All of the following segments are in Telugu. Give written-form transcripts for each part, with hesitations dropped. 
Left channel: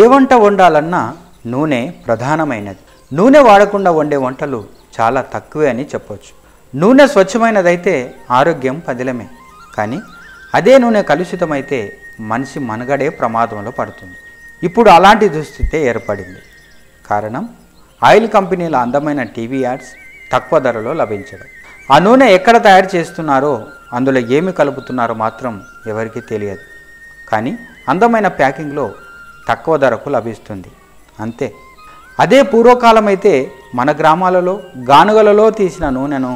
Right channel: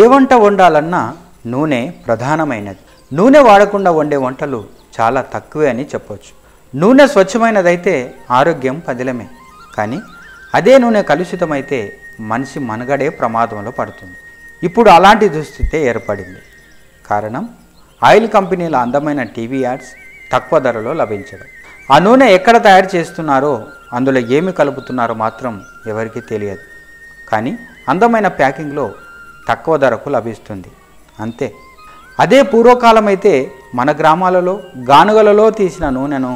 ఏ వంట వండాలన్నా నూనె ప్రధానమైనది. నూనె వాడకుండా వండే వంటలు చాలా తక్కువే అని చెప్పవచ్చు. నూనె స్వచ్ఛమైనదైతే ఆరోగ్యం పదిలమే. కానీ అదే నూనె కలుషితమైతే మనిషి మనుగడే ప్రమాదంలో పడుతుంది. ఇప్పుడు అలాంటి దుస్థితే ఏర్పడింది. కారణం ఆయిల్ కంపెనీల అందమైన టీవీ యాడ్స్ తక్కువ ధరలో లభించడం. ఆ నూనె ఎక్కడ తయారు చేస్తున్నారో, అందులో ఏమి కలుపుతున్నారో మాత్రం ఎవరికీ తెలియదు. కానీ అందమైన ప్యాకింగ్లో తక్కువ ధరకు లభిస్తుంది, అంతే. అదే పూర్వకాలం అయితే మన గ్రామాలలో గానుగలలో తీసిన నూనెను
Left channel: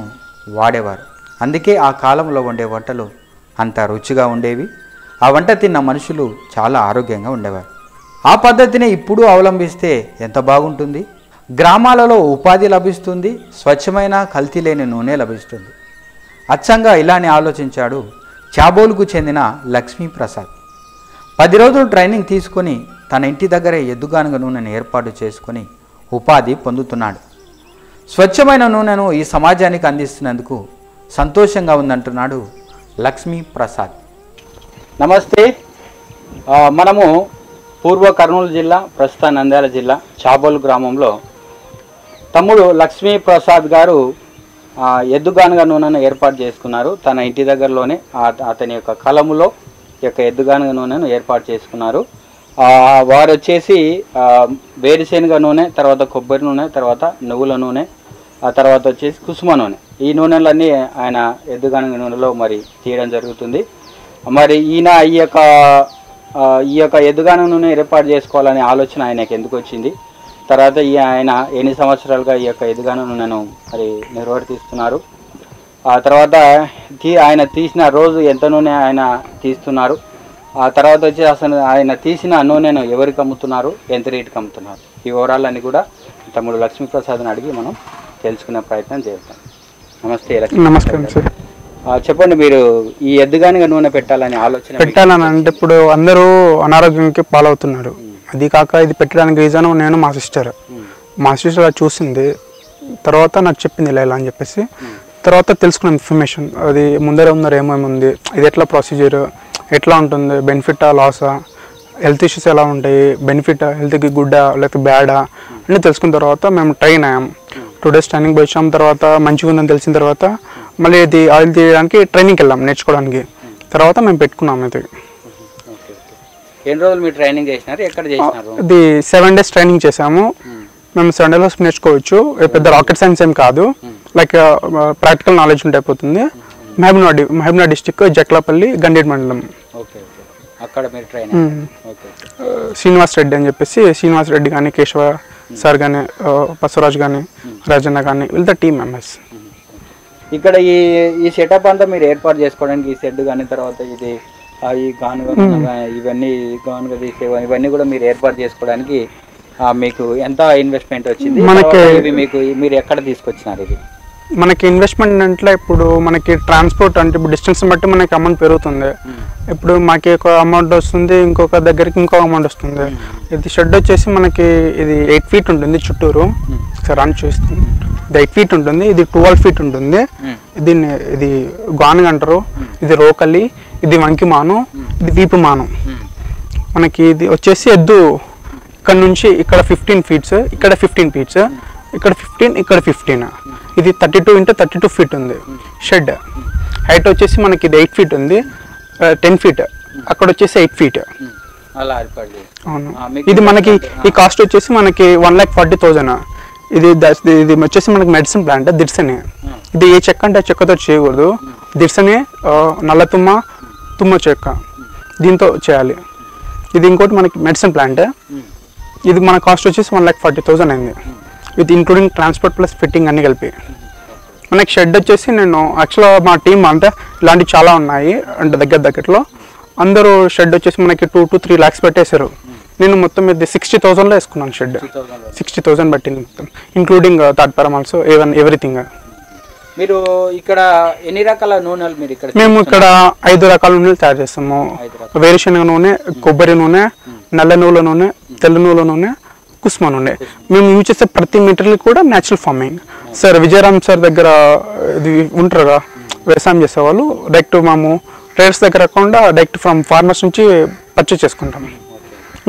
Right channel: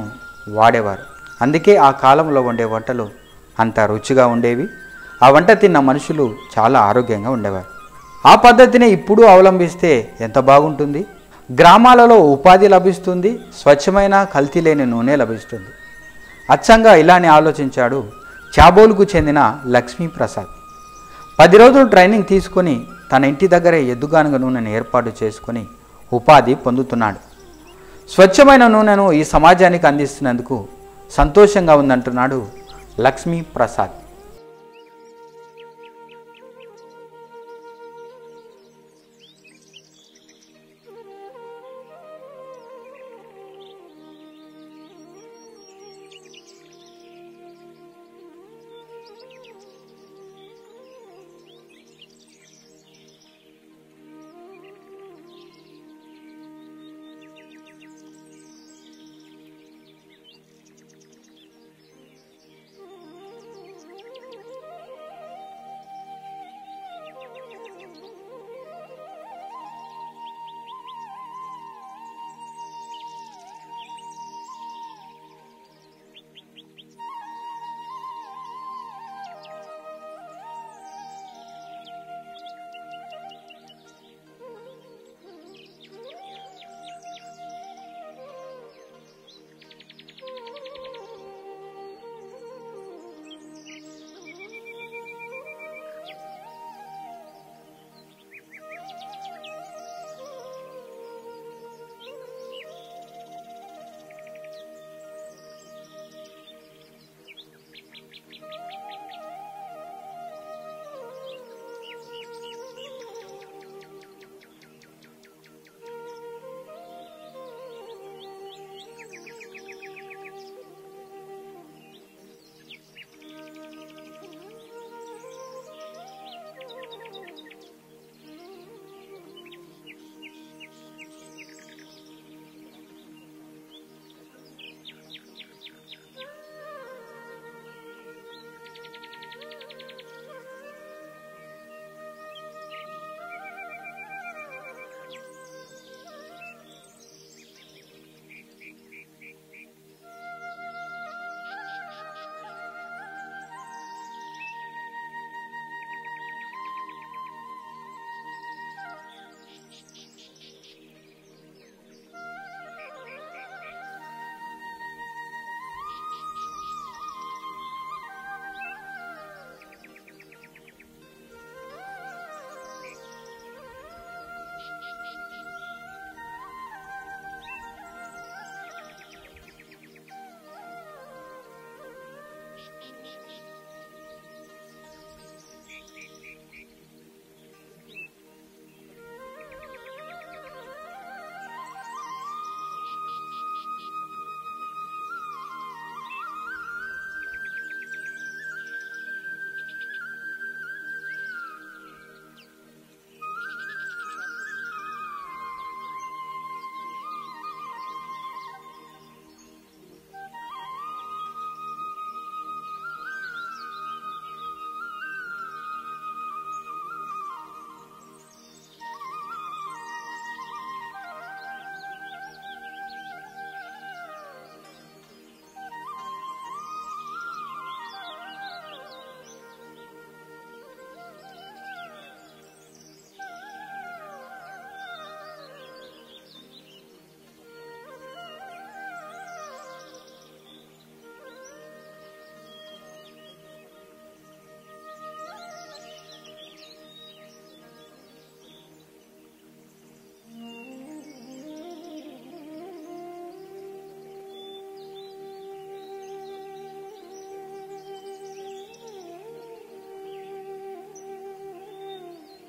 వాడేవారు. అందుకే ఆ కాలంలో వండే వంటలు అంత రుచిగా ఉండేవి. ఆ వంట తిన్న మనుషులు చాలా ఆరోగ్యంగా ఉండేవారు. ఆ పద్ధతిని ఇప్పుడు అవలంబిస్తే ఎంత బాగుంటుంది. గ్రామాలలో ఉపాధి లభిస్తుంది, స్వచ్ఛమైన కల్తీ లేని నూనె లభిస్తుంది. అచ్చంగా ఇలానే ఆలోచించాడు చాబోలుకు చెందిన లక్ష్మీప్రసాద్. 10 రోజులు ట్రైనింగ్ తీసుకొని తన ఇంటి దగ్గరే ఎద్దుగానుగ నూనెను ఏర్పాటు చేసుకొని ఉపాధి పొందుతున్నాడు. స్వచ్ఛమైన నూనెను ఈ సమాజానికి అందిస్తున్నందుకు సంతోషంగా ఉందంటున్నాడు లక్ష్మీప్రసాద్. నమస్తే. మనము పూర్వ కర్నూలు జిల్లా, ప్రస్తుత నంద్యాల జిల్లా చాబోలు గ్రామంలో తమ్ముడు లక్ష్మీప్రసాద్ గారు ఎద్దుగానుగ నూనెను ఏర్పాటు చేసుకున్నారు. తన ఇంటి దగ్గరలోనే అతని యొక్క కలములో ఈ యొక్క ఎద్దుగానుగ నూనెను ఏర్పాటు చేసుకున్నారు. వారు వచ్చేసి వేరుశెనగ నూనె, తర్వాత కొబ్బరి నూనె, తర్వాత నువ్వుల నూనె, ఆ తర్వాత వచ్చేసి కుసుమ నూనె, ఈ నూనెలన్నీ ఆయన ఎద్దుగానుగ నూనెలో మరి తీయడం జరుగుతుంది. మరి ఈయన ఈ యొక్క ఎద్దుగానుగ నూనె ఏర్పాటు చేసుకోవాలనే ఆలోచన ఆయనకు ఎందుకు వచ్చింది, తర్వాత ఆయన ఎన్ని సంవత్సరాలుగా ఈ యొక్క ఎద్దుగానుగ నూనెను మరి నిర్వర్తిస్తున్నారు, ఆ తర్వాత ఆయన తీసిన రోజు ఎంత నూనె ఆయన తీస్తున్నారు, ఆ తర్వాత వచ్చి అసలు ఆయన తీసిన నూనెను ఎవరికి అమ్ముతున్నారు, ఎంత రేటుకి అమ్ముతున్నారు, ఈ వివరాలన్నీ కూడా తమ్ముడు లక్ష్మీప్రసాద్ని అడిగి మనం తెలుసుకునే ప్రయత్నం చేద్దాం. నమస్తే. నమస్కారం సార్. చెప్పండి, మీరు ఈ ఎద్దుగానుగ నూనె పెట్టాలని పెట్టాలని అంటే ఇప్పుడు అందరూ అనారోగ్యానికి పాలవుతున్నారు. అది కాక ఇది పెట్టడానికి రీజన్ నేను మా సిస్టర్ చూసింది, తర్వాత నాకు చెప్పింది ఇలా అని చెప్పేసి, తర్వాత తెలుసుకున్న ఇన్ఫర్మేషన్ అది ముందర ఏమేమి ఉంది, ఇది ఎట్లా ప్రొసీజర్, ఎట్లా ఉంటుంది, బెనిఫిటా లాసా, హెల్త్ ఇష్యూస్ ఎలా ఉంటాయి, బెనిఫిటా, హెల్త్కి గుడ్డా లేకపోతే బ్యాడా అన్నీ తెలుసుకున్న తర్వాత మేము ట్రైన్ అయ్యాం. 2 days ట్రైనింగ్ పోయి వచ్చాం. తర్వాత మంచిగా ఉందని తెలిసిన తర్వాత మళ్ళీ ఇది ఆయిల్ తీయడానికి ట్రైనింగ్కి వెళ్ళాం నేర్చుకోవడానికి. తర్వాత మేము పెట్టుకున్నాం. ఇది ఎన్ని రోజులు మీరు ట్రైనింగ్ చేసినారు, ఎక్కడ చేసినారు? ఇది 7 days ట్రైనింగ్ చేసాము. మేము 7 days నేర్చుకోవచ్చు. పెద్ద రాకెట్ సైన్స్ ఏం కాదు, లైక్ ప్రాక్టికల్ నాలెడ్జ్ ఉంటే అయిపోతుంది. మహబూబ్నగర్ డిస్టిక్ జక్లపల్లి గండేడ్ మండలం. అక్కడ మీరు శ్రీనివాస్ రెడ్డి అని చెప్పేసి, శ్రీనివాస్ రెడ్డి కానీ, కేశవ సార్ కానీ, బసవరాజ్ కానీ, రాజన్న కానీ, వీళ్ళతో టీమ్ మెంబర్స్. ఇక్కడ ఈ సెటప్ అంతా మీరు ఏర్పాటు చేసుకోవడానికి ఈ షెడ్ కానీ, తర్వాత ఇది ఈ గానుగ ఇవన్నీ గానుగ తీసే ఇవన్నీ కూడా మీరు ఏర్పాటు చేసుకోవడానికి మీకు ఎంత ఇన్వెస్ట్మెంట్ వచ్చింది, మీరు ఎక్కడ తీసుకొచ్చినారు? ఇది మనకి ఇన్వెస్ట్మెంట్ అంటే ఇప్పుడు మనకి ట్రాన్స్పోర్ట్ అంటే ఇప్పుడు డిస్టెన్స్ బట్టి మనకి అమౌంట్ పెరుగుతుంది. ఇప్పుడు మాకు ఒక అమౌంట్ వస్తుంది, ఇంకొక దగ్గరికి ఇంకో అమౌంట్ వస్తుంది. ఇది షెడ్ వచ్చేసి మనకి ఇది 8 feet ఉంటుంది చుట్టూరు. రన్ చూస్తుంది. ఇది 8 feet ఉంటుంది, ఇది 12 feet ఉంటుంది. ఇది గానుగ అంటారు, ఇది రోకలి, ఇది వంకిమాను, ఇది వీపుమాను. మనకి ఇది వచ్చేసి ఎద్దు ఇక్కడ నుంచి ఇక్కడ 15 feet, ఇక్కడ 15 feet, ఇక్కడ 15, ఇక్కడ 15. ఇది 32 into 32 feet ఉంది షెడ్. హైట్ వచ్చేసి మనకి ఇది 8 feet ఉంది, 10 feet, అక్కడ వచ్చేసి 8 feet. అవును. ఇది మనకి ఈ కాస్ట్ వచ్చేసి మనకి 1,40,000. ఇది వచ్చేసి మనకి మెడిసిన్ ప్లాంట్ దిర్సని. ఇది ఏ చెక్క అంటే చెక్కతో చేయకూడదు. దిర్సని, నల్ల తుమ్మ చెక్క, దీంతో చేయాలి. ఇది ఇంకోటి మనకి మెడిసిన్ ప్లాంట్. ఇది మన కాస్ట్ వచ్చేసి 1,40,000 అయింది, with including transport plus fitting అన్ని కలిపి. మనకి షెడ్ వచ్చేసి నేను యాక్చువల్గా మా టీం అంటే ఇలాంటివి చాలా ఉన్నాయి అంటే దగ్గరలో అందరూ షెడ్ వచ్చేసి మనకి 2 to 3 lakhs పెట్టేశారు. నేను మొత్తం ఇది 60,000లో వేసుకున్నాను షెడ్. 60,000 పెట్టింది మొత్తం, ఇంక్లూడింగ్ థర్డ్ పారామాల్స్ ఎవ్రీథింగ్. మీరు ఇక్కడ ఎన్ని రకాల నూనెలు మీరు ఇక్కడ? మేము ఇక్కడ 5 రకాల నూనెలు తయారు చేస్తాము. వేరుశెనగ నూనె, కొబ్బరి నూనె, నల్ల నువ్వుల నూనె, తెల్ల నువ్వుల నూనె, కుసుమ నూనె. మేము యూజ్ చేసే ప్రతి మెటీరియల్ కూడా natural farming. Sir Vijayaram sir దగ్గర ఇది ఉంటారుగా వ్యవసాయం చేసేవాళ్ళు, డైరెక్ట్ మేము ట్రేడర్స్ దగ్గర కాకుండా డైరెక్ట్ ఫ్రమ్ ఫార్మర్స్ నుంచి పర్చేస్ చేసుకుంటాము.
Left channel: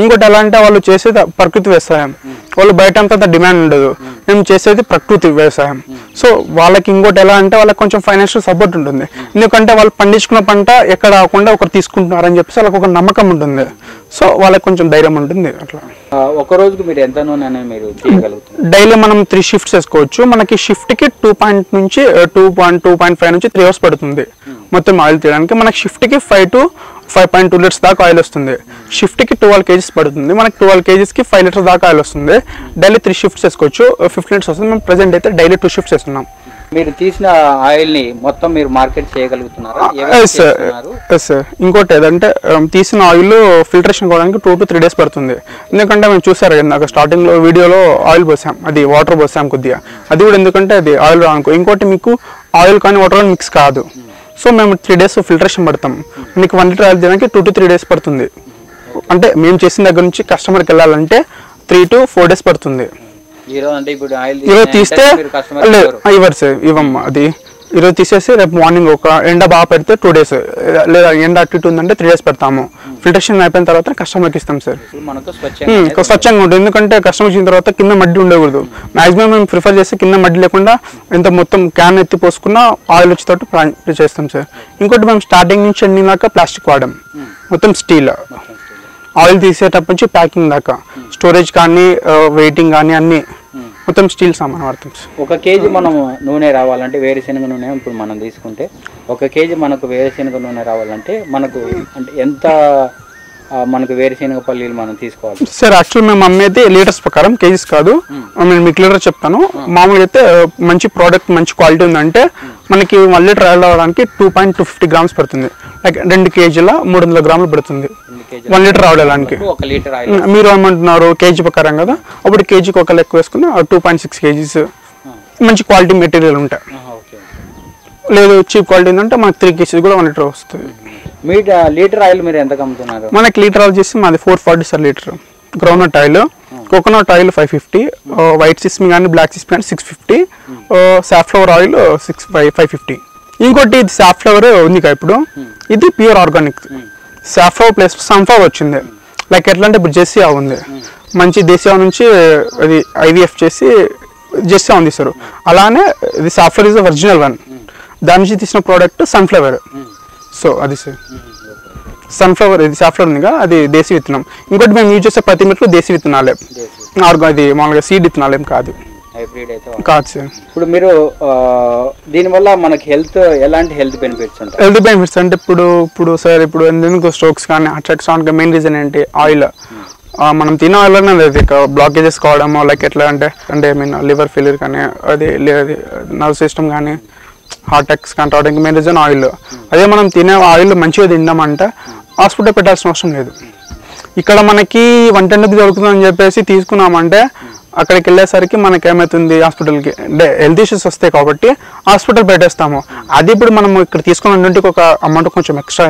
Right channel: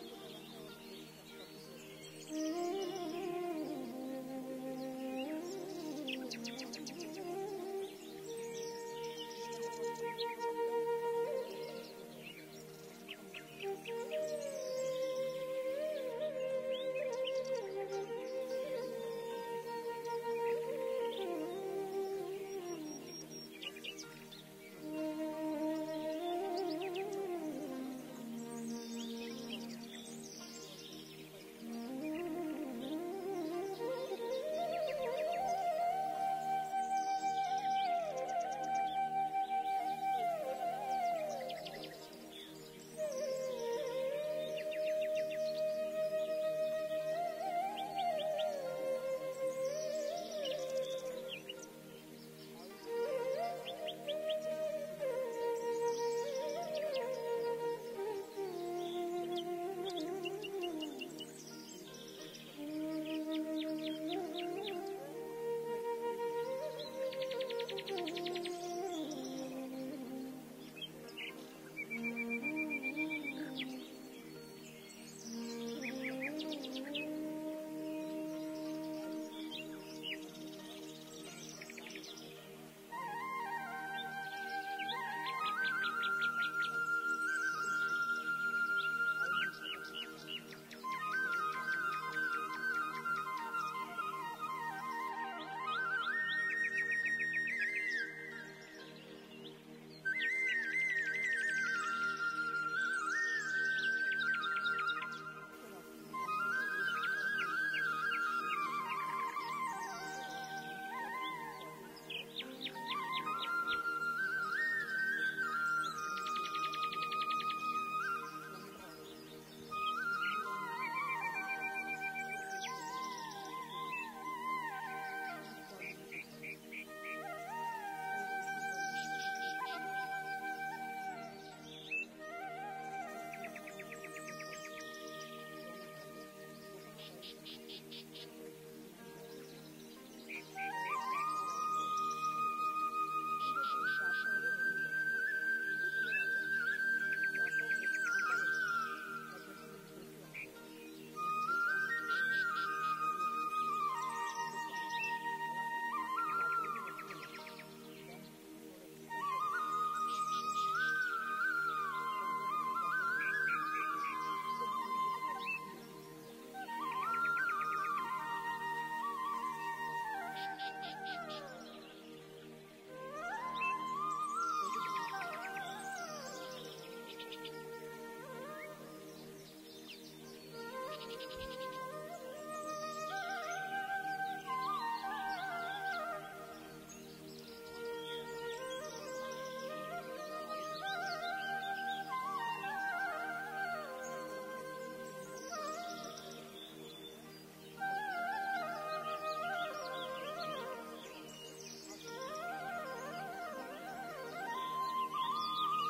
ఇంకోటి ఎలా అంటే వాళ్ళు చేసేది ప్రకృతి వ్యవసాయం, వాళ్ళు బయట అంత డిమాండ్ ఉండదు, మేము చేసేది ప్రకృతి వ్యవసాయం. సో వాళ్ళకి ఇంకోటి ఎలా అంటే వాళ్ళకి కొంచెం ఫైనాన్షియల్ సపోర్ట్ ఉంటుంది, ఎందుకంటే వాళ్ళు పండించుకున్న పంట ఎక్కడ రాకుండా ఒకరు తీసుకుంటున్నారని చెప్పేసి వాళ్ళకి ఒక నమ్మకం ఉంటుంది. సో వాళ్ళకి కొంచెం ధైర్యం ఉంటుంది. అట్లా ఒక రోజుకి మీరు ఎంత నూనె అనేది మీరు తీయగలుగుతారు? డైలీ మనం 3 షిఫ్ట్స్ వేసుకోవచ్చు. మనకి షిఫ్ట్కి 2.5 నుంచి 3 అవర్స్ పడుతుంది మొత్తం ఆయిల్ తీయడానికి. మనకి షిఫ్ట్కి 5 to 5.2 లీటర్స్ దాకా ఆయిల్ వస్తుంది. షిఫ్ట్కి 12 kgs పడుతుంది. మనకి 12 kgsకి 5 లీటర్స్ దాకా ఆయిల్ వస్తుంది. డైలీ 3 షిఫ్ట్స్ వేసుకోవచ్చు, 15 లీటర్స్ వస్తుంది. మేము ప్రెసెంట్ అయితే డైలీ 2 షిఫ్ట్స్ వేస్తున్నాం. మీరు తీసిన ఆయిల్ని మొత్తం మీరు మార్కెట్ చేయగలుగుతున్నారా? సార్ ఇంకోటి ఏదంటే తీసిన ఆయిల్ ఫిల్టరేషన్ కావడానికి 2 to 3 days పడుతుంది. ఎందుకంటే మేము చూసారు నాకు స్టార్టింగ్లో వీడియోలో ఆయిల్ పోసాం, అది వాటర్ పోసాం కొద్దిగా, అది కూడా ఎందుకంటే అది ఆయిల్ రానుకో. ఇంకోటి మీకు ఆయిల్ కానీ వాటర్ కానీ మిక్స్ కాదు. సో మేము 3 days ఫిల్టరేషన్ పడతాం. మీకు 1 లీటర్ ఆయిల్ తీయడానికి 2 to 3 days పడుతుంది. అంటే మేము చేసిన దగ్గర నుంచి కస్టమర్కి వెళ్ళాలంటే 3 to 4 days పడుతుంది. ఈరోజు తీస్తే ఇవ్వరు సార్, ఇవ్వమ్మా. అది ఈరోజు తీసేసి రేపు మార్నింగ్ ఒక ఎండ బాగా పెడితే 2 days, లేదా ఎండ అటు ఇటు ఉందంటే 3 days పెడతాము. ఫిల్టరేషన్ అయిపోయిన తర్వాత కస్టమర్కి ఇస్తాం సార్. స్వచ్ఛంగా ఉంటుంది, ఎందుకంటే కస్టమర్ ఇచ్చిన తర్వాత కింద మడ్డి ఉండకూడదు. మాక్సిమం మేము ప్రిఫర్ చేస్తే కింద మడ్డి లేకుండా ఎంత మొత్తం క్యాన్ ఎత్తి పోసుకున్న ఆయిల్ వచ్చేటట్టు చేస్తాం సార్. ఇంకోటి మేము స్టార్టింగ్ నుంచి ఎండింగ్ దాకా ప్లాస్టిక్ వాడాం, మొత్తం స్టీల్. ఆయిల్ తీసేటప్పటి నుంచి ప్యాకింగ్ దాకా స్టోరేజ్ కానీ వెయిటింగ్ కానీ అన్నీ మొత్తం స్టీల్ సామాన్ వాడతాం. 1 kg మనం నూనె రావాలంటే, వేరుశనగ నూనె ఇప్పుడు మనం తీసుకుంటే 1 kg మనకు వేరుశనగ నూనె రావాలంటే మనకు అంటే ఎంత మనకు వేరుశనగ పల్లీలు మనం తీసుకోవాలి సార్? యాక్చువల్ మేము అమ్మేది లీటర్స్ ప్రకారం, కేజీస్ కాదు. నేను మీకు లీటర్ చెప్తాను. మామూలుగా అయితే మంచి ప్రోడక్ట్ మంచి క్వాలిటీ ఉందంటే మనకి 1 లీటర్ ఆయిల్ రావడానికి 2.250 grams పడుతుంది. లైక్ 2 kgల 300 grams పడుతుంది 1 లీటర్ ఆయిల్ వెళ్ళడానికి. మీరు ఏమంటున్నారు కేజీ ప్రకారం కదా, అప్పుడు కేజీకి 1 లెక్క వేసుకుని 2.6 kgs మంచి క్వాలిటీ మెటీరియల్ ఉంటాయి. లేదు చీప్ క్వాలిటీ ఉందంటే మనకి 3 kgs కూడా 1 లీటర్ వస్తుంది. మీ లీటర్ ఆయిల్ మీరు ఎంత అమ్ముతున్నారు? మనకి లీటర్ ఆయిల్ చేసి మాది 440 sir litre. Groundnut oil, coconut oil 550, white sesame కానీ బ్లాక్ సిస్మి కానీ 650, సాఫ్లవర్ ఆయిల్ 550. ఇంకోటి ఇది సాఫ్లవర్ ఉంది కదా ఇప్పుడు, ఇది pure organic. Safflower plus sunflower వచ్చింది. లైక్ ఎట్లా అంటే ఇప్పుడు జెస్సీ ఆవు ఉంది, మంచి దేశీ ఆవు నుంచి అది IVF చేసి జెస్సీ ఆవు తీస్తారు. అలానే ఇది సాఫ్లవర్ ఇస్ ఒరిజినల్ వన్, దాని నుంచి తీసిన ప్రోడక్ట్ సన్ఫ్లవర్. సో అది సార్ సన్ఫ్లవర్, ఇది సాఫ్లవర్ ఉందిగా అది దేశీ విత్తనం. ఇంకోటి మేము యూజ్ చేసే ప్రతి మెట్లు దేశీ విత్తనాలే, ఇది మామూలుగా సీడ్ విత్తనాలు ఏం కాదు. కాదు సార్. ఇప్పుడు మీరు దీనివల్ల మనకి ఎలాంటి హెల్త్ బెనిఫిట్స్ ఉంటాయి? హెల్త్ బెనిఫిట్స్ అంటే ఇప్పుడు సార్ ఇప్పుడు ఎందుకు స్ట్రోక్స్ కానీ అటాక్స్ రావడానికి మెయిన్ రీజన్ ఏంటి? ఆయిల్. మనం తినే ఆయిల్లోనే బ్లాకేజెస్ కావడము, లైక్ ఎట్లా అంటే ఐ మీన్ లివర్ ఫెయిల్యూర్ కానీ, అది నర్వ్ సిస్టమ్ కానీ, హార్ట్ అటాక్స్ కానీ రావడానికి మెయిన్ రీజన్ ఆయిల్. అదే మనం తినే ఆయిల్ మంచిగా తిందామంటే హాస్పిటల్ పెట్టాల్సిన అవసరం లేదు. ఇక్కడ మనకి 110 దొరుకుతుందని చెప్పేసి తీసుకున్నామంటే అక్కడికి వెళ్ళేసరికి మనకి ఏమవుతుంది, హాస్పిటల్కి అంటే హెల్త్ ఇష్యూస్ వస్తాయి కాబట్టి హాస్పిటల్ పెట్టేస్తాము. అది ఇప్పుడు మనం ఇక్కడ తీసుకున్న ఒక అమౌంట్ కొంచెం ఎక్స్ట్రా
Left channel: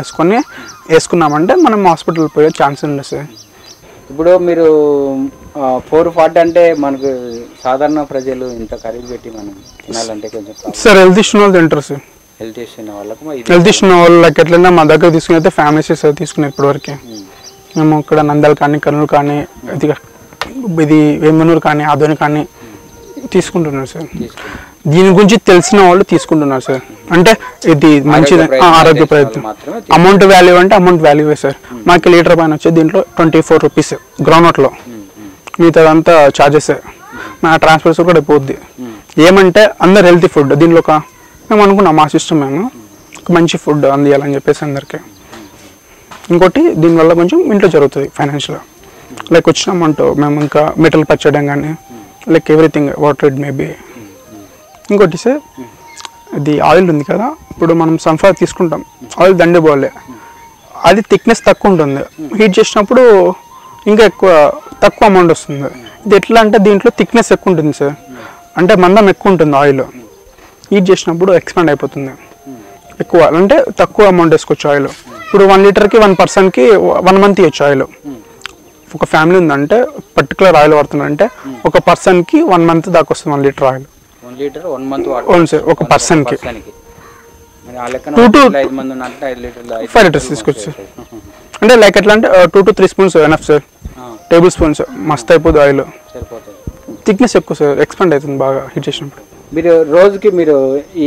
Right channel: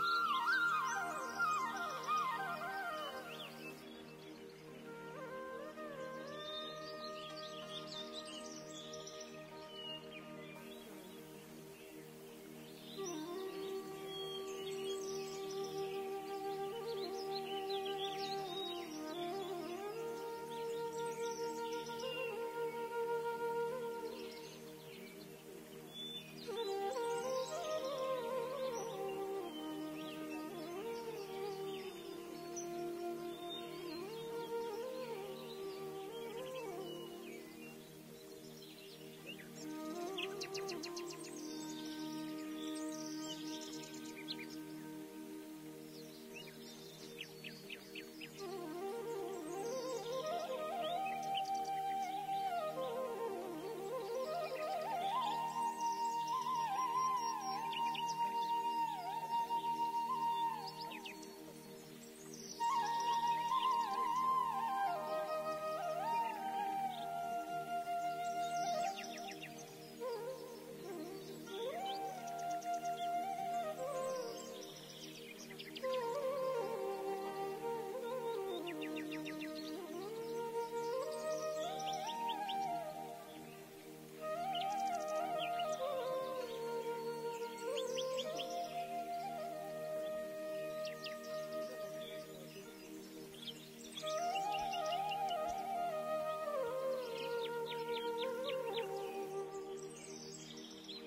వేసుకున్నామంటే మనం హాస్పిటల్ పోయే ఛాన్స్ ఉంది సార్. ఇప్పుడు మీరు 440 అంటే మనకు సాధారణ ప్రజలు ఇంత ఖరీదు పెట్టి మనం తినాలంటే కొంచెం సార్ హెల్త్ ఇష్యూ వాళ్ళు తింటారు సార్. హెల్త్ ఇష్యూ వాళ్ళకి ఎట్లన్నా మా దగ్గర తీసుకుని ఫ్యామిలీస్ తీసుకుని ఇప్పటివరకు మేము ఇక్కడ నంద్యాల కానీ, కర్నూలు కానీ, ఇది వేమనూరు కానీ, ఆదోని కానీ తీసుకుంటున్నారు సార్. దీని గురించి తెలిసిన వాళ్ళు తీసుకుంటున్నారు సార్. అంటే ఇది మంచి ఆరోగ్య ప్రయత్నం. అమౌంట్ వాల్యూ అంటే అమౌంట్ వాల్యూవే సార్. మాకు లీటర్ పైన వచ్చేది దీంట్లో 24 రూపీస్ గ్రౌండ్నట్లో, మిగతాదంతా ఛార్జెస్. మా ట్రాన్స్పోర్ట్స్ కూడా పోద్ది. ఏమంటే అందరు హెల్తీ ఫుడ్ దీనిలో మేము అనుకున్నాం, మా సిస్టమ్ మేము మంచి ఫుడ్ అందియాలని చెప్పేసి అందరికీ. ఇంకోటి దీనివల్ల కొంచెం ఇంట్లో జరుగుతుంది ఫైనాన్షియల్గా, లైక్ వచ్చిన అమౌంట్ మేము ఇంకా మెటల్ పచ్చడం కానీ, like everything water it maybe. ఇంకోటి సార్ ఇది ఆయిల్ ఉంది కదా, ఇప్పుడు మనం సన్ఫ్లవర్ తీసుకుంటాం, ఆయిల్ దండిపోలే, అది థిక్నెస్ తక్కువ ఉంటుంది. హీట్ చేసినప్పుడు ఇంకా తక్కువ అమౌంట్ వస్తుంది. ఇది ఎట్లా అంటే దీంట్లో థిక్నెస్ ఎక్కువ ఉంటుంది సార్, అంటే మందం ఎక్కువ ఉంటుంది ఆయిల్. హీట్ చేసినప్పుడు ఎక్స్పాండ్ అయిపోతుంది ఎక్కువ, అంటే తక్కువ అమౌంట్ వేసుకోవచ్చు ఆయిల్. ఇప్పుడు 1 లీటర్కి 1 పర్సన్కి 1 మంత్ ఇవ్వచ్చు ఆయిల్. ఒక ఫ్యామిలీ ఉందంటే పర్టికులర్ ఆయిల్ వాడుతుందంటే ఒక పర్సన్కి 1 మంత్ దాకా వస్తుంది 1 లీటర్ ఆయిల్. 1 లీటర్ 1 మంత్ అవును సార్, ఒక పర్సన్కి 2 to 5 లీటర్స్ తీసుకోవచ్చు సార్. అంటే లైక్ ఎట్లా అంటే 2 to 3 spoons enough sir. Table spoons మస్తు అయిపోద్ది ఆయిల్. సరిపోతుంది. థిక్నెస్ ఎక్కువ సార్, ఎక్స్పాండ్ అవుతుంది బాగా హీట్ చేసినప్పుడు. మీరు రోజుకి మీరు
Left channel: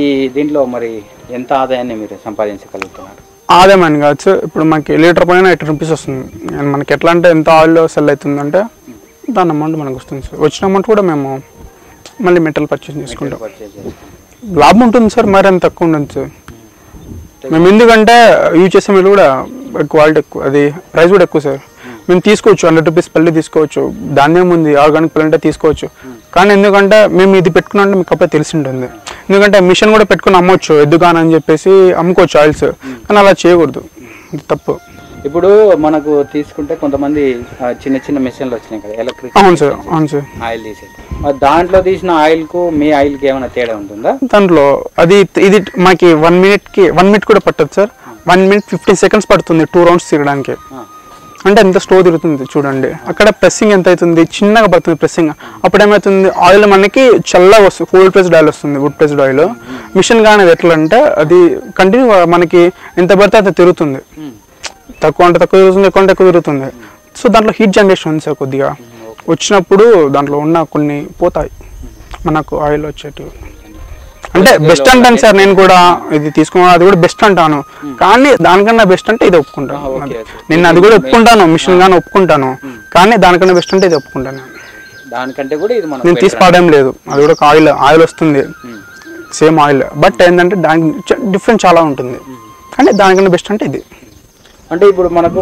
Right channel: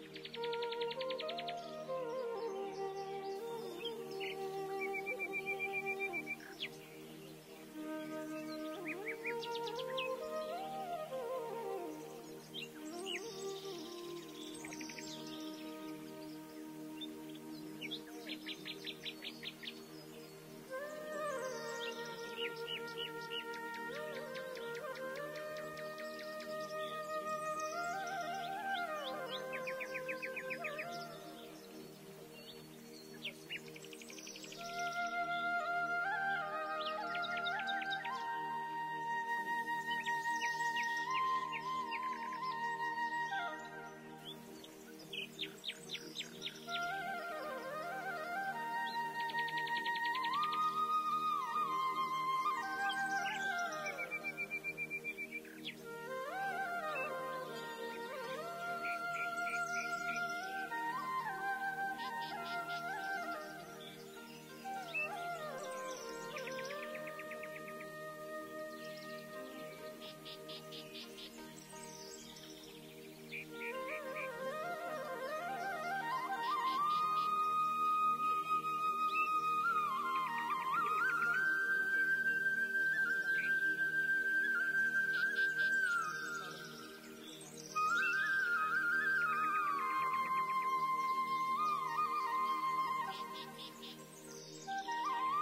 ఈ దీంట్లో మరి ఎంత ఆదాయాన్ని మీరు సంపాదించగలుగుతున్నారు? ఆదాయం అని కాదు సార్, ఇప్పుడు మనకి లీటర్ పైన 80 రూపీస్ వస్తుంది. అండ్ మనకి ఎట్లా అంటే ఎంత ఆయిల్ సెల్ అవుతుందంటే దాని అమౌంట్ మనకు వస్తుంది సార్. వచ్చిన అమౌంట్ కూడా మేము మళ్ళీ మెటల్ పర్చేస్ చేసుకుంటాం. లాభం ఉంటుంది సార్, మరి అంత తక్కువ ఉండదు సార్. మేము ఎందుకంటే యూజ్ చేసే మీరు కూడా క్వాలిటీ ఎక్కువ, అది ప్రైస్ కూడా ఎక్కువ సార్. మేము తీసుకోవచ్చు 100 రూపీస్ పల్లి తీసుకోవచ్చు, ధాన్యం ఉంది ఆర్గానిక్ పల్లి అంటే తీసుకోవచ్చు. కానీ ఎందుకంటే మేము ఇది పెట్టుకున్నామంటే మీకు అప్పుడే తెలిసి ఉంటుంది. ఎందుకంటే మిషన్ కూడా పెట్టుకుని అమ్మవచ్చు ఎద్దుగాని అని చెప్పేసి అమ్ముకోవచ్చు ఆయిల్స్, కానీ అలా చేయకూడదు, తప్పు. ఇప్పుడు మనకు తీసుకుంటే కొంతమంది చిన్న చిన్న మిషన్లు వచ్చినాయి కదా ఎలక్ట్రిక్. అవును సార్, అవును సార్. ఆయిల్ తీసే దాంట్లో తీసిన ఆయిల్కు మీ ఆయిల్కి ఏమైనా తేడా ఉంటుందా? దాంట్లో అది ఇది మాకు 1 మినిట్ కూడా పట్టదు సార్. 1 మినిట్ 15 సెకండ్స్ పడుతుంది 2 రౌండ్స్ తిరగడానికి. అంటే ఎంత స్లో తిరుగుతుంది చూడండి. అక్కడ ప్రెస్సింగ్ ఎంత అవుతుంది, చిన్నగా పడుతుంది ప్రెస్సింగ్. అప్పుడు ఏమవుతుంది ఆయిల్ మనకి చల్లగా వస్తుంది, కోల్డ్ ప్రెస్డ్ ఆయిల్ వస్తుంది, వుడ్ ప్రెస్డ్ ఆయిల్. మిషన్ కానీ అది ఎట్లా అంటే అది కంటిన్యూ మనకి ఎంత పడితే అంత తిరుగుతుంది. తక్కువ అంటే తక్కువ తిరుగుతుంది, ఎక్కువ అంటే ఎక్కువ తిరుగుతుంది. సో దాంట్లో హీట్ జనరేషన్ ఉంది సార్ కొద్దిగా. వచ్చినప్పుడు దాంట్లో ఉన్న కొన్ని పోతాయి మనకు ఆయిల్ వచ్చేటివి. అంటే బెస్ట్ అంటాను సార్, నేను కూడా ఇది తీసుకున్నాను, అది కూడా బెస్ట్ అంటాను. కానీ దానికన్నా బెస్ట్ అంటే ఇది ఒప్పుకుంటాను. నేను అది కూడా ఒప్పుకుంటాను, మిషన్ కానీ ఒప్పుకుంటాను. కానీ దానికన్నా బెస్ట్ అంటే ఇది ఒప్పుకుంటాను. దానికంటే కూడా ఇది నేను తీసుకోవడం లేదు, అది కూడా ఆయిల్ వస్తుంది సేమ్ ఆయిల్. బట్ ఏంటంటే దానికి డిఫరెన్స్ చాలా ఉంటుంది. కానీ దానికన్నా బెస్ట్ అంటే ఇది. అంటే ఇప్పుడు మనకు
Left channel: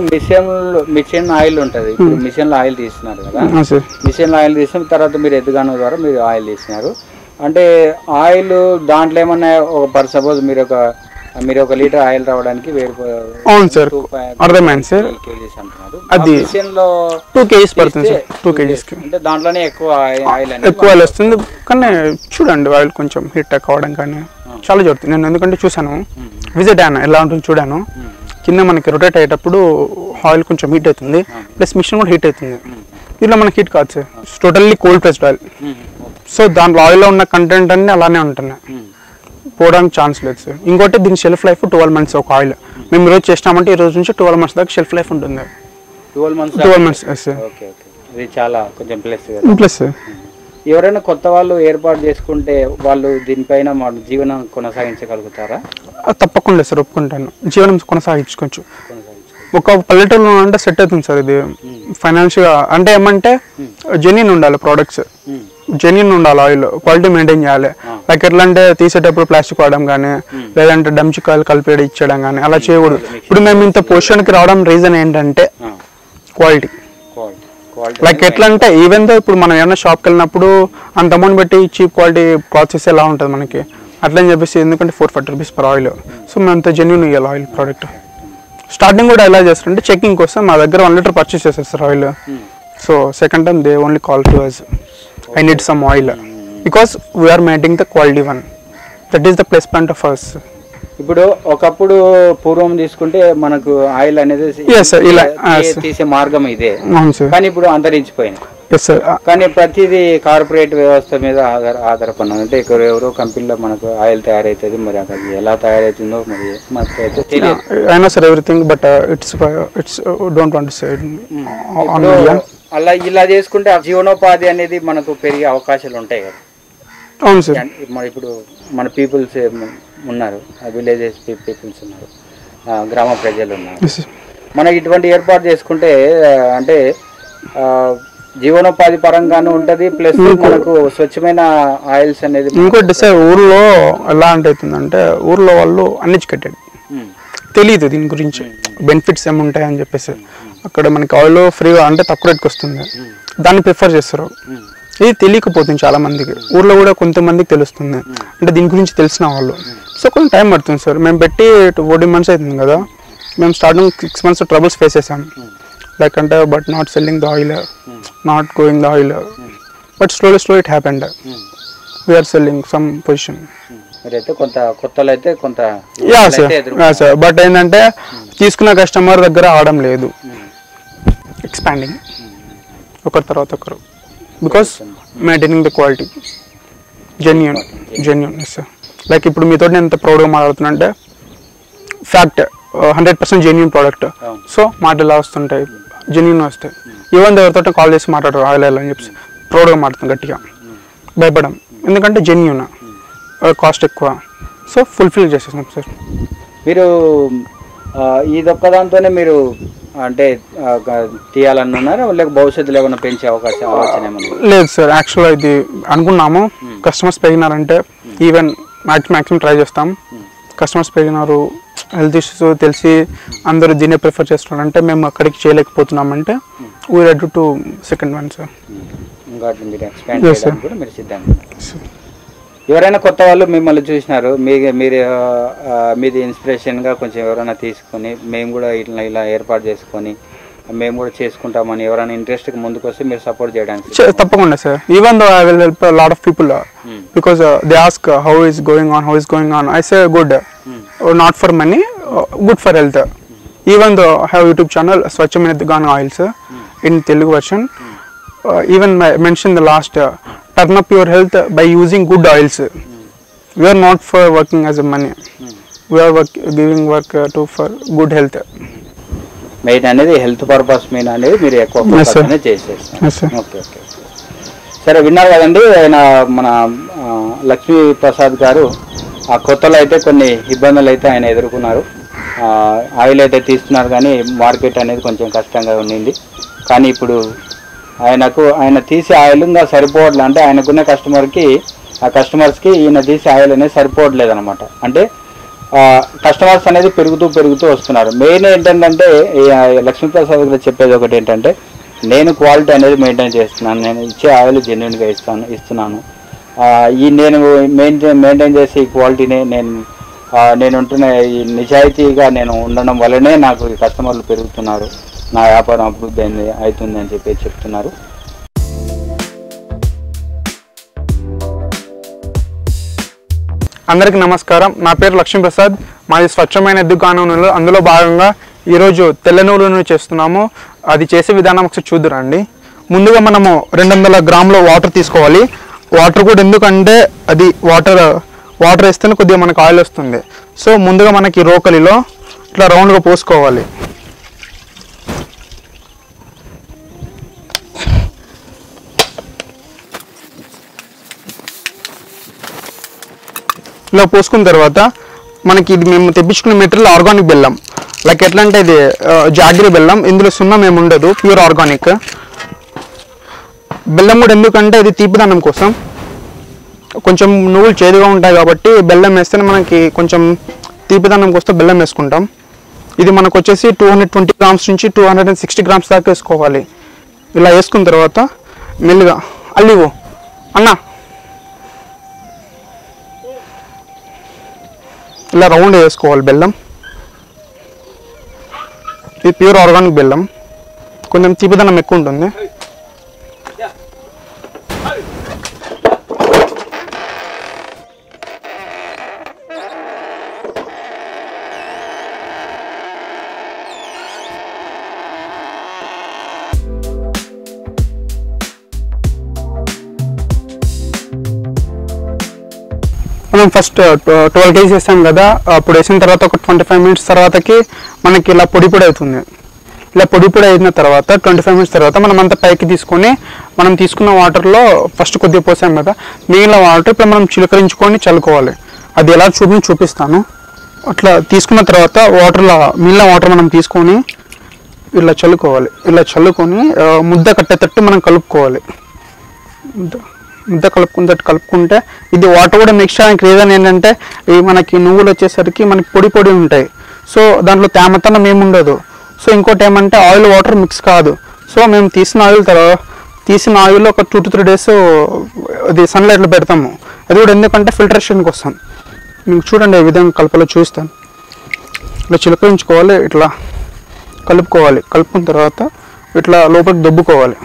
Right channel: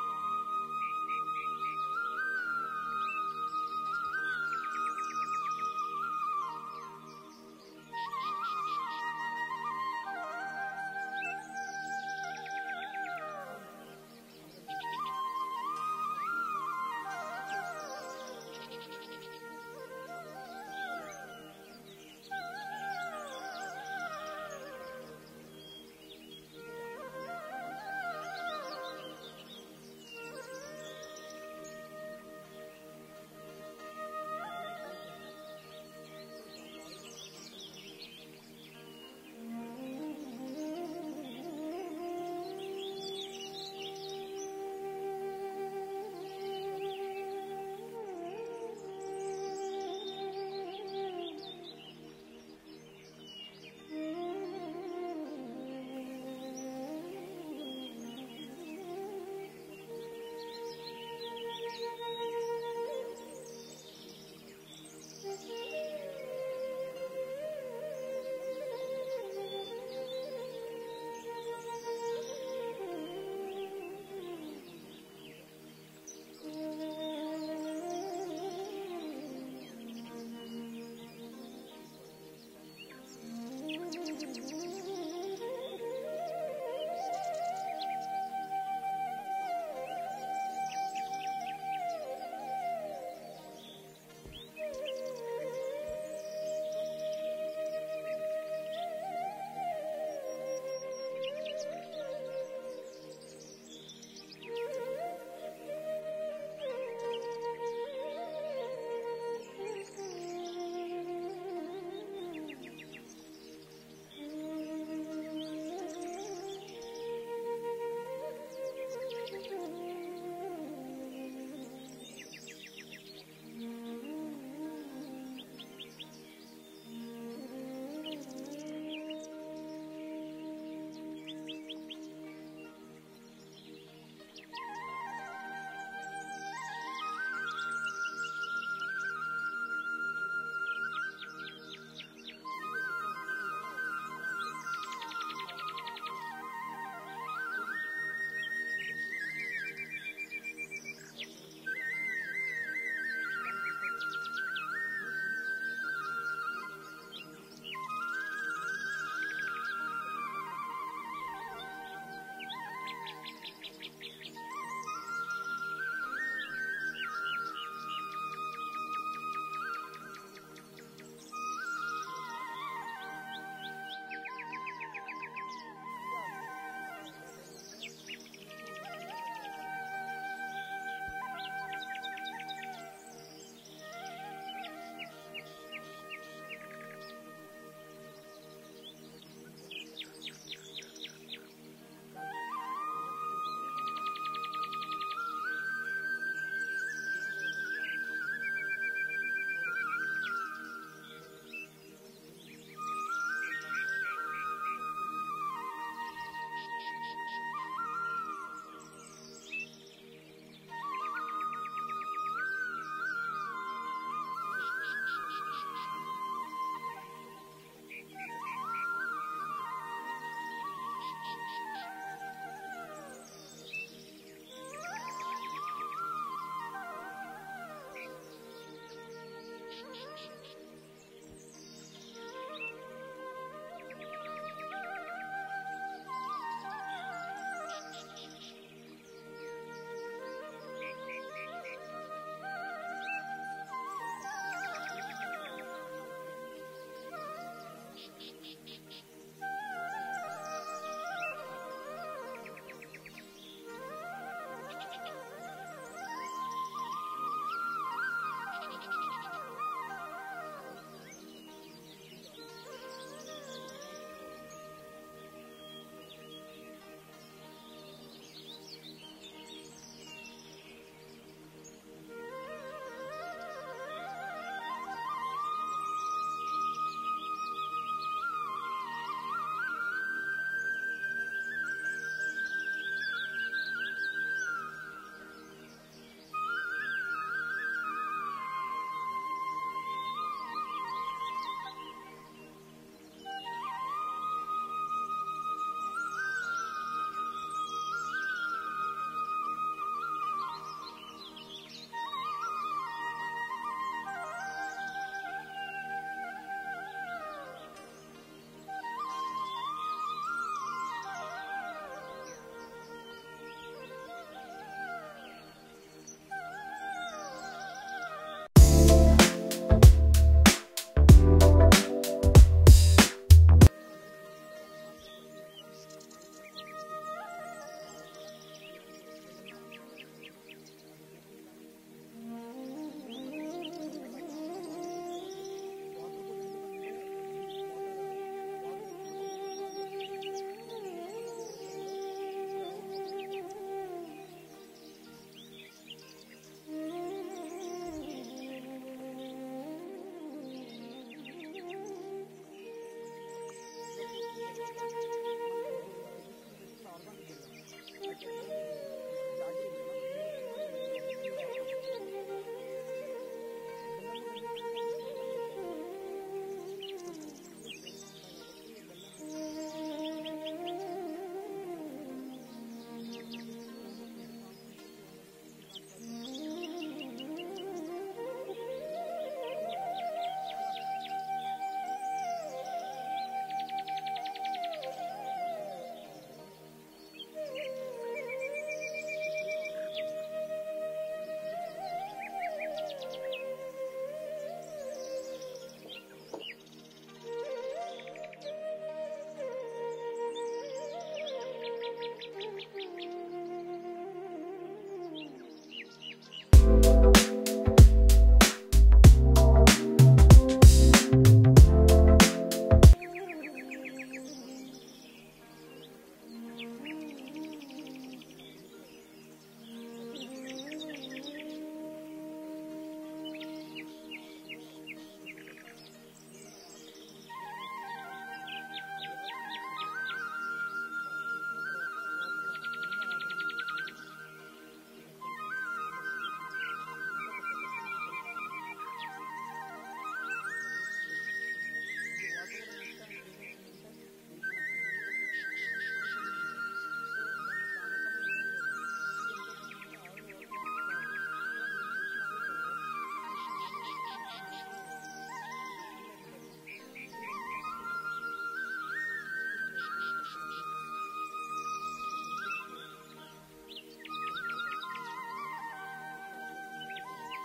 మిషన్ ఆయిల్ ఉంటుంది. ఇప్పుడు మిషన్లో ఆయిల్ తీస్తున్నారు కదా, మిషన్లో ఆయిల్ తీసిన తర్వాత మీరు ఎద్దుగాను ద్వారా మీరు ఆయిల్ తీస్తున్నారు. అంటే ఆయిల్ దాంట్లో ఏమన్నా ఒక సపోజ్ మీరు ఒక లీటర్ ఆయిల్ రావడానికి 1000. అవును సార్, అర్థమైంది సార్. అది 2 kgs పడుతుంది సార్, 2 kgs. అంటే దాంట్లోనే ఎక్కువ ఆయిల్ వస్తుంది. కానీ చూడండి ఆయిల్ కొంచెం హీట్ కావడం కానీ చాలా జరుగుతుంది. నేను ఎందుకంటే చూసాను, విజిట్ అయ్యాను, ఎలా ఉంటుంది చూడాను. కింద మనకి రొటేట్ అయ్యేటప్పుడు ఆయిల్ కొంచెం హీట్ అవుతుంది, ప్లస్ మిషన్ కూడా హీట్ అవుతుంది. దీంట్లో మనకి హీట్ కాదు sir, totally cold pressed oil. So దాంట్లో ఆయిల్లో ఉన్న కంటెంట్ అన్నీ అలానే ఉంటున్నాయి, పోవడానికి ఛాన్స్ లేదు సార్. ఇంకోటి దీని షెల్ఫ్ లైఫ్ 12 months ఒక ఆయిల్. మేము ఈరోజు చేసినామంటే ఈ రోజు నుంచి 12 months దాకా షెల్ఫ్ లైఫ్ ఉంటుంది. 12 months సార్. ఇది చాలా కొంచెం ప్లస్ సార్. ఎవరైనా కొత్త వాళ్ళు ఏర్పాటు చేసుకుంటే వాళ్ళు దీనిపైన జీవనం కొనసాగించగలుగుతారా? తప్పకుండా సార్, ఒప్పుకుంటాను. జీవనం కొనసాగించుకోవచ్చు. ఒక పల్లెటూరులో అంటే సెట్ అవుతుంది సార్ ఇది ఫైనాన్షియల్గా. అంటే ఏమంటే జెన్యూన్ ఉండాలి, ప్రోడక్ట్స్ జెన్యూన్ ఉండాలి, ఆయిల్ క్వాలిటీ మెయింటైన్ చేయాలి. లైక్ ఎట్లా అంటే తీసేటప్పుడు ప్లాస్టిక్ వాడడం కానీ, లేదంటే డంచికాయలు కలిపి ఇచ్చడం కానీ అలా చేయకూడదు. ఇప్పుడు మేము ఇంత పొజిషన్కి రావడం రీజన్ ఏంటంటే క్వాలిటీ. లైక్ ఎట్లా అంటే ఈవెన్ దో ఇప్పుడు మనం ఏమైనా షాప్కి వెళ్ళినప్పుడు అంత అమౌంట్ పెట్టి చీప్ క్వాలిటీ క్లాత్స్ ఎలా ఉంటుంది మనకి, అట్లా అని చెప్పేసి ఎందుకంటే 440 రూపీస్ పర్ ఆయిల్. సో మేము అంత జెన్యూన్ ఇవ్వాలి ఆయిల్ ప్రోడక్ట్. స్టార్టింగ్ కూడా ఎలా చేస్తారంటే చెకింగ్ కోసం మా దగ్గర 1 లీటర్ పర్చేస్ చేసేస్తారు oil. So second time they only call to us, I need some oil because we're maintaining the quality one. That is the plus point of us. ఇప్పుడు ఒకప్పుడు పూర్వం తీసుకుంటే మనకు ఆయిల్ అనేది తీసే మార్గం ఇదే, కానీ ఇప్పుడు అంతరించిపోయింది. కానీ ప్రతిదీ కార్పొరేట్ వ్యవస్థ మీద ఆధారపడినాం. అంటే ఇక్కడ ఎవరో కంపెనీలో మనకు ఆయిల్ తయారవుతుంది, మరి అది ఎలా తయారవుతుందో మరి మనకు అయితే తెలియదు. అయినా sir everything but it's don't want to say. అలా ఇలా చేసుకుంటే జీవనోపాధి అనేది మనకు పెరిగే అవకాశాలు ఉంటాయి కదా. అవును సార్. మరి ఇప్పుడు మన పీపుల్స్ ఉన్నారు, విలేజెస్ పీపుల్స్ ఉన్నారు, గ్రామ ప్రజలు ఉన్నారు. మనకి ఇటువంటి ఏర్పాటు చేసుకుంటే అంటే జీవనోపాధి పరంగాను ఉంటుంది, ప్లస్ మనకు స్వచ్ఛమైన ఆయిల్స్ అనేది. ఇంకోటి సార్ ఊర్లో ఎలా అంటే ఊర్లో వాళ్ళు అన్ఎడ్యుకేటెడ్, తెలియదు దీని గురించి బెనిఫిట్స్ ఏముంటాయి అని చెప్పేసి. అక్కడ మనకి ఆయిల్ ఫ్రీగా అంటే తక్కువ రేట్కి వస్తుంది, దాన్ని ప్రిఫర్ చేస్తారు. ఇది తెలియకపోతుంది చాలా మందికి. ఊర్లో కూడా కొంతమందికి తెలుస్తుంది, అంటే దీని గురించి తెలిసిన వాళ్ళు. సో కొంచెం టైం పడుతుంది సార్. మేము పెట్టి 14 months అవుతుంది కదా. మేము స్టార్టింగ్ 6 months ట్రబుల్స్ ఫేస్ చేసాం. లైక్ అంటే but not selling the oil, not going the oil. But slowly it happened. We're selling some position. Sir but ఏంటంటే తీసుకున్న కస్టమర్ దగ్గర ఆడడం లేదు, ఎక్స్పాండింగ్ ఒకరి తర్వాత ఒకరు. Because maintaining the quality genuine sir. Like ఇప్పుడు మీతో నేను ఎంత ప్రౌడ్గా మాట్లాడుతున్నా అంటే ఫ్యాక్ట్ 100% జెన్యూన్ ప్రోడక్ట్. సో మాటలు ఎలా వస్తుంటాయి, జెన్యున్ వస్తాయి. ఈవెన్ ఎవరితో కాల్ చేసి మాట్లాడరు ఆయిల్ అని చెప్పి ప్రౌడ్గా మాట్లాడతాం గట్టిగా, భయపడం. ఎందుకంటే జెన్యున్, కాస్ట్ ఎక్కువ, సో ఫుల్ఫిల్ చేసేస్తాం సార్. మీరు ఇదొక్క దాంతోనే మీరు అంటే తీయాలనున్నారా, లేక భవిష్యత్తులో ఏమైనా పెంచే అవకాశం ఆలోచన ఏమన్నా? లేదు సార్, యాక్చువల్గా ఇది అనుకున్నాము. కస్టమర్స్ పెరిగినారంటే ఈవెన్ మ్యాక్సిమం ట్రై చేస్తాం. కస్టమర్స్ పెరిగినారు, హెల్త్ ఇష్యూస్ తెలిసి అందరూ దీన్నే ప్రిఫర్ చేస్తున్నారంటే మేము అక్కడికి చేయలేకపోతున్నామంటే we ready to second one sir. ఇంకా మీరు ఎక్స్పాండ్ చేయడానికి కూడా మీరు సిద్ధంగా. ఎవరైనా కొత్త వాళ్ళు మిమ్మల్ని చూసినారు, మీది ఇన్స్పిరేషన్గా కొంచెం ఎవరైనా తీసుకొని మేము కూడా ఇలా ఏర్పాటు చేసుకొని మేము కూడా చేసుకుంటామని ఎవరైనా ఇంట్రెస్ట్కి ముందుకు వస్తే మీరు సపోర్ట్ చేయడానికి? తప్పకుండా sir. Even though I will help lot of people because they ask how is going on I say good, not for money, good for health. Even though I have YouTube channel స్వచ్ఛమైన గాన్ oils in Telugu version. Even mention the last turn up your health by using good oils. We are not for working as a money, we are giving work to for good health. Main అనేది హెల్త్ పర్పస్ మెయిన్ అనేది మీరు ఎక్కువ ఫోకస్ అనేది చేసేస్తారు. ఓకే ఓకే సరే, విన్నారు కదండి. ఆయన మన లక్ష్మీ ప్రసాద్ గారు ఆ కొత్తలో అయితే కొన్ని ఇబ్బందులు అయితే ఆయన ఎదుర్కొన్నారు. ఆయిల్ అయితే తీస్తున్నారు కానీ మార్కెట్ అనేది కొంచెం కష్టంగా ఉండింది. కానీ ఇప్పుడు ఆయన తీసే ఆయిల్ ఇంకా సరిపోవట్లేదు. అంటే ఆయనకున్న కస్టమర్స్కి ఈయన తీసే ఆయిల్ అనేది సరిపోవట్లేదు అనమాట. అంటే కస్టమర్స్ అనేది పెరుగుతూ వస్తున్నారు. మెయిన్ ఏంటంటే లక్ష్మీప్రసాద్ గారు చెప్పేది ఒకటి ఏంటంటే, నేను క్వాలిటీ అనేది మెయింటైన్ చేస్తున్నాను, నేను ఇచ్చే ఆయిల్ జెన్యున్గా ఇస్తున్నాను. నేను మెయింటైన్ చేసే ఈ క్వాలిటీని నేను ఉంటున్న ఈ నిజాయితీగా నేను ఉండడం వల్లనే నాకు కస్టమర్లు పెరుగుతున్నారు, నా వ్యాపారం అభివృద్ధి అవుతుంది అని చెప్తున్నారు. అందరికీ నమస్కారం. నా పేరు లక్ష్మీప్రసాద్. మాది స్వచ్ఛమైన దుకాణం. అందులో భాగంగా ఈరోజు తెల్ల నువ్వులను చేస్తున్నాము. అది చేసే విధానం ఒకసారి చూద్దురండి. ముందుగా మనము 200 గ్రాముల వాటర్ తీసుకోవాలి. వాటర్ కూడా ఎందుకంటే అది వాటర్ వేస్తేనే కొద్దిగా మనకు ఆయిల్ వస్తుంది. సో ముందుగా మనకి రోకలిలో ఇట్లా రౌండ్గా పోసుకోవాలి. ఇలా పోసుకున్న తర్వాత మనకి ఇది మేము తెప్పించుకున్న మెటీరియల్ ఆర్గానిక్ బెల్లం. లైక్ ఎట్లా అంటే ఇది జాగ్రీ బెల్లం, ఇందులో సున్నం ఏమి ఉండదు, ప్యూర్ ఆర్గానిక్ బెల్లం. కూడా ఎందుకంటే ఇది తీపిదనం కోసం, కొంచెం నువ్వులు చేదుగా ఉంటాయి కాబట్టి బెల్లం వేస్తేనే మనకి కొంచెం తీపిదనం కోసం బెల్లం వేసుకుంటాం. ఇది మనకు వచ్చేసి 220 గ్రామ్స్ నుంచి 260 గ్రామ్స్ దాకా వేసుకోవాలి. ఇలా వేసుకున్న తర్వాత మెల్లిగా అల్లివు అన్న ఇలా రౌండ్ వేసుకోవాలి బెల్లం. ఇది ప్యూర్ ఆర్గానిక్ బెల్లం, కొంచెం తీపిదనం ఎక్కువ ఉంటుంది. మనం ఫస్ట్ 12 kg వేసాం కదా, అప్పుడు వేసిన తర్వాత ఒక 25 మినిట్స్ తర్వాతకి మనకి ఇలా పొడి అవుతుంది. ఇలా పొడి అయిన తర్వాత 25 మినిట్స్ తర్వాత మనం అంతా పైకి తీసుకొని మనం తీసుకున్న వాటర్లో ఫస్ట్ కొద్దిగా పోసాం కదా, మిగిలిన వాటర్ ఇప్పుడు మనం చిలకరించుకొని చల్లుకోవాలి. అది ఎలా చూపిస్తాను. అట్లా తీసుకున్న తర్వాత మిగిలిన వాటర్ మనం తీసుకొని ఇలా చల్లుకోవాలి. ఇలా చల్లుకొని ముద్ద కట్టేటట్టు మనం కలుపుకోవాలి. ముద్ద కలుపుకుంటే ఇది వాటర్ కూడా మిక్స్ చేయడానికి రీజన్ ఏంటంటే, ఈ మనకి నువ్వులు వచ్చేసరికి మనకి పొడి ఉంటాయి. సో దాంట్లో తేమతనం ఏముండదు. సో ఇంకోటి ఏమంటే ఆయిల్ వాటర్ మిక్స్ కాదు. సో మేము తీసిన ఆయిల్ ఒక 2 to 3 days అది సన్లైట్లో పెడతాము. అది కూడా ఎందుకంటే ఫిల్టరేషన్ కోసం. మీకు చూడండి ఈ విధంగా కలపలో చూస్తాను. ఇట్లా చిలకరించుకోవాలి, ఇట్లా కలుపుకోవాలి. కలుపుకున్న తర్వాత ఇట్లా లోపలికి దొబ్బుకోవాలి.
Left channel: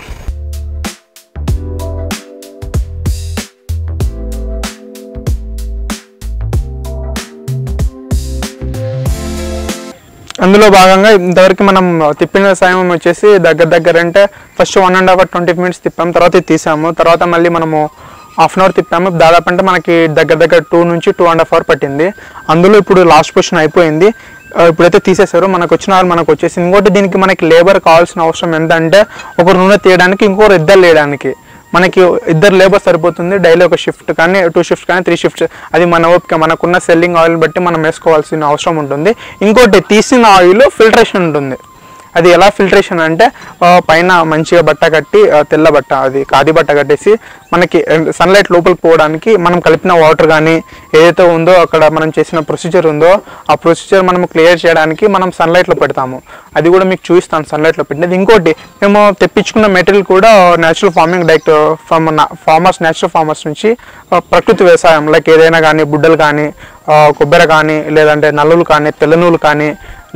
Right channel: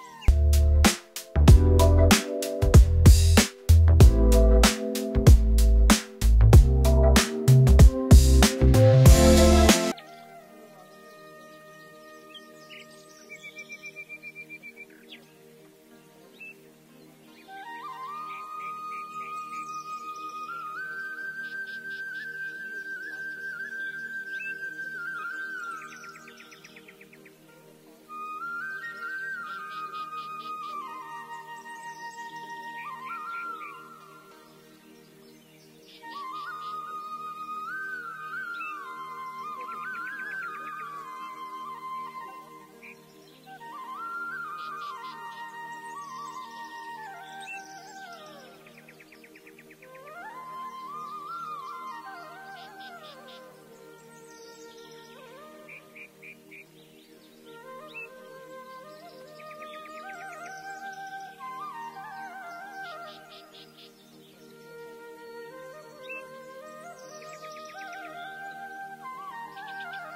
అందులో భాగంగా ఇంతవరకు మనం తిప్పిన సమయం వచ్చేసి దగ్గర అంటే ఫస్ట్ 1.5 hour 20 minutes తిప్పాము. తర్వాత ఇది తీసాము. తర్వాత మళ్ళీ మనము 1/2 hour తిప్పాము. దాదాపు అంటే మనకి దగ్గర 2 నుంచి 2.5 hour పట్టింది. అందులో ఇప్పుడు లాస్ట్ పొజిషన్ అయిపోయింది. ఇప్పుడైతే తీసేశారో మనకు వచ్చిన ఆయిల్ మనకు వచ్చేసింది. ఇంకోటి దీనికి మనకి లేబర్ కావాల్సిన అవసరం ఎంతంటే ఒకరు నూనె తీయడానికి ఇంకొకరు ఇద్దరు లేయడానికి. మనకి ఇద్దరు లేబర్ సరిపోతుంది. డైలీ ఒక షిఫ్ట్ కానీ 2 షిఫ్ట్స్ కానీ 3 షిఫ్ట్స్, అది మన ఓపిక, మనకున్న సెల్లింగ్ ఆయిల్ బట్టి మనం వేసుకోవాల్సిన అవసరం ఉంటుంది. ఇంకోటి తీసిన ఆయిల్ ఫిల్టరేషన్ ఉంటుంది. అది ఎలా ఫిల్టరేషన్ అంటే పైన మంచిగా బట్ట కట్టి, తెల్ల బట్ట, అది ఖాదీ బట్ట కట్టేసి మనకి సన్లైట్ లోపలికి పోవడానికి మనం కలిపిన వాటర్ కానీ ఏదైతే ఉందో అక్కడ మనం చేసిన ప్రొసీజర్ ఉందో ఆ ప్రొసీజర్ మనం క్లియర్ చేయడానికి మనం సన్లైట్లో పెడతాము. అది కూడా మీకు చూపిస్తాను సన్లైట్లో పెట్టినది. ఇంకోటి మేము తెప్పించుకున్న మెటీరియల్ కూడా natural farming, direct from farmers, natural farmers నుంచి ప్రకృతి వ్యవసాయం, లైక్ ఏదైనా కానీ బుడ్డలు కానీ, కొబ్బరి కానీ, లేదంటే నల్లులు కానీ, తెల్ల నూలు కానీ,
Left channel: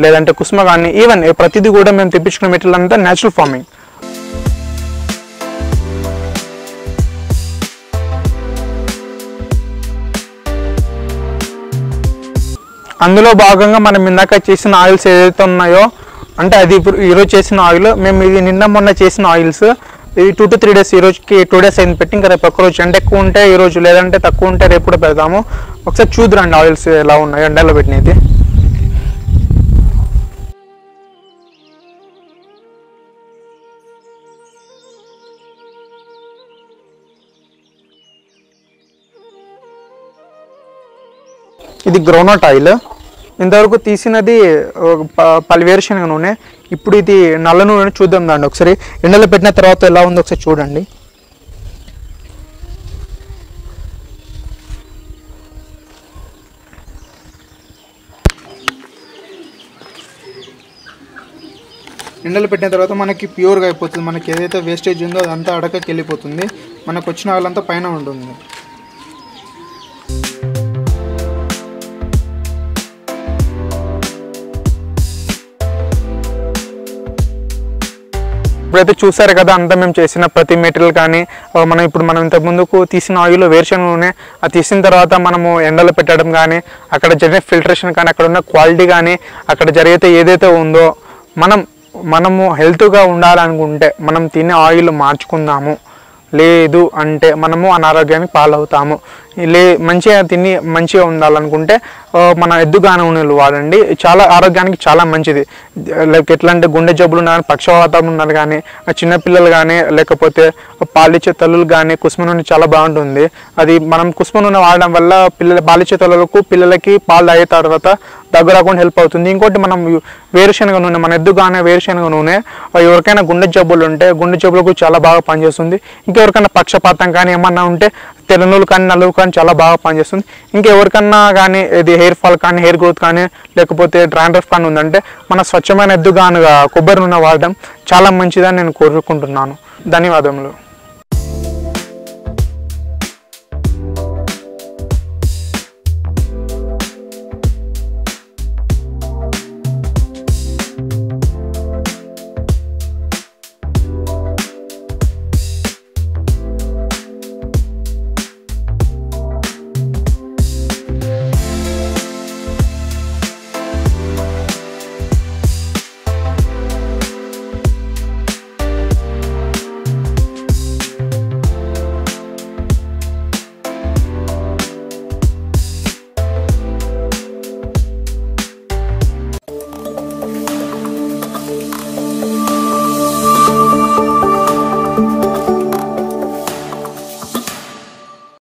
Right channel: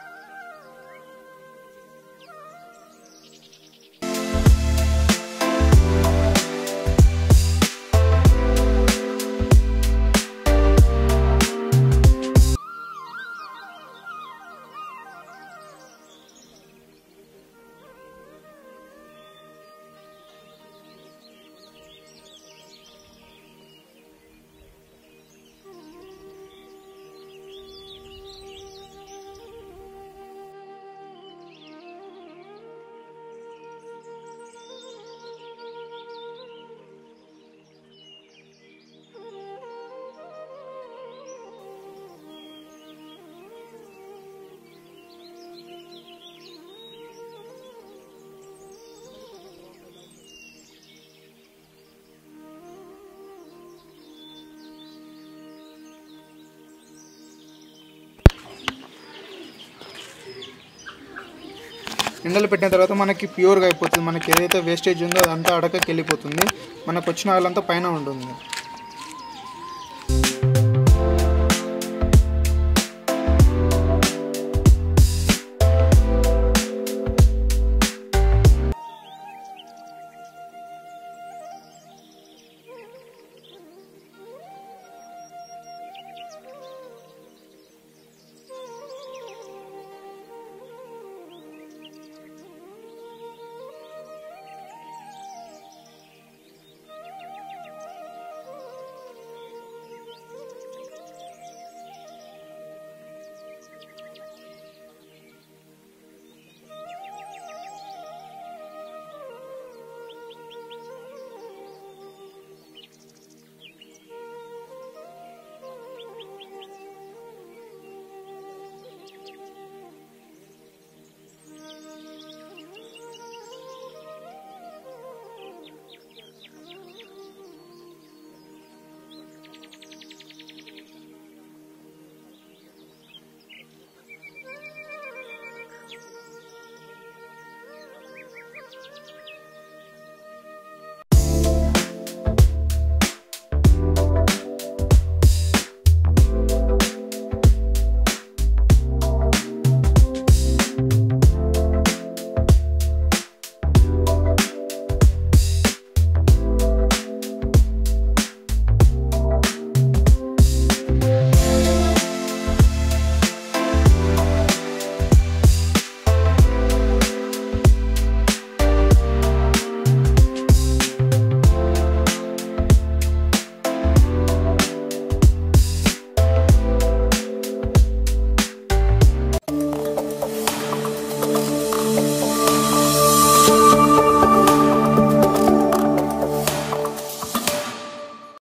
లేదంటే కుసుమ కానీ, ఈవెన్ ప్రతిదీ కూడా మేము తెప్పించుకున్న మెటీరియల్ అంతా న్యాచురల్ ఫార్మింగ్. అందులో భాగంగా మనం ఇందాక చేసిన ఆయిల్స్ ఏదైతే ఉన్నాయో, అంటే అది ఇప్పుడు ఈరోజు చేసిన ఆయిల్, మేము ఇది నిన్న మొన్న చేసిన ఆయిల్స్, ఇది 2 to 3 డేస్, ఈ రోజుకి 2 డేస్ అయింది పెట్టి, ఇంకా రేపు ఒక్క రోజు ఎండ ఎక్కువ ఉంటే ఈ రోజు, లేదంటే తక్కువ ఉంటే రేపు కూడా పెడతాము. ఒకసారి చూద్దురండి ఆయిల్స్ ఎలా ఉన్నాయో ఎండలో పెట్టినది. ఇది గ్రౌండ్నట్ ఆయిల్. ఇంతవరకు తీసినది వేరుశనగ నూనె. ఇప్పుడు ఇది నల్ల నూనె చూద్దాం దాండి ఒకసారి. ఎండలో పెట్టిన తర్వాత ఎలా ఉందో ఒకసారి చూడండి. ఎండలు పెట్టిన తర్వాత మనకి ప్యూర్గా అయిపోతుంది. మనకి ఏదైతే వేస్టేజ్ ఉందో అదంతా అడకకి వెళ్ళిపోతుంది. మనకు వచ్చిన ఆయిల్ అంతా పైన ఉంటుంది. ఇప్పుడైతే చూసారు కదా, అంతా మేము చేసిన ప్రతి మెటీరియల్ కానీ, మనం ఇంతకు ముందుకు తీసిన ఆయిల్ వేరుశనగ నూనె, అది తీసిన తర్వాత మనము ఎండలో పెట్టడం కానీ, అక్కడ జరిగే ఫిల్టరేషన్ కానీ, అక్కడ ఉన్న క్వాలిటీ కానీ, అక్కడ జరిగితే ఏదైతే ఉందో, మనము హెల్త్గా ఉండాలనుకుంటే మనం తినే ఆయిల్ మార్చుకుందాము. లేదు అంటే మనము అనారోగ్యానికి పాలవుతాము. మంచిగా తిని మంచిగా ఉండాలనుకుంటే మన ఎద్దుగాన నూనెలు వాడండి. చాలా ఆరోగ్యానికి చాలా మంచిది. లైక్ ఎట్లా అంటే గుండె జబ్బులు ఉన్నారు, పక్షవాతం ఉన్నారు కానీ, చిన్నపిల్లలు కానీ, లేకపోతే పాలిచ్చే తల్లులు కానీ కుసుమ నూనె చాలా బాగుంటుంది. అది మనం కుసుమ నూనె వాడడం వల్ల పాలిచ్చే తల్లులకు, పిల్లలకి పాలు తాగే తర్వాత దగ్గు రాకుండా హెల్ప్ అవుతుంది. ఇంకోటి మనం వేరుశనగ నూనె, మన ఎద్దుగానే వేరుశనగ నూనె ఎవరికైనా గుండె జబ్బులు ఉంటే గుండె జబ్బులకు చాలా బాగా పనిచేస్తుంది. ఇంకెవరికైనా పక్షపాతం కానీ ఏమన్నా ఉంటే తెల్లనూలు కానీ నలుగు కానీ చాలా బాగా పనిచేస్తుంది. ఇంకెవరికన్నా కానీ ఇది హెయిర్ ఫాల్ కానీ, హెయిర్ గ్రోత్ కానీ, లేకపోతే డ్రాండ్రఫ్ కానీ ఉందంటే మన స్వచ్ఛమైన ఎద్దుగానుగా కొబ్బరి నూనె వాడడం చాలా మంచిదని నేను కోరుకుంటున్నాను. ధన్యవాదములు.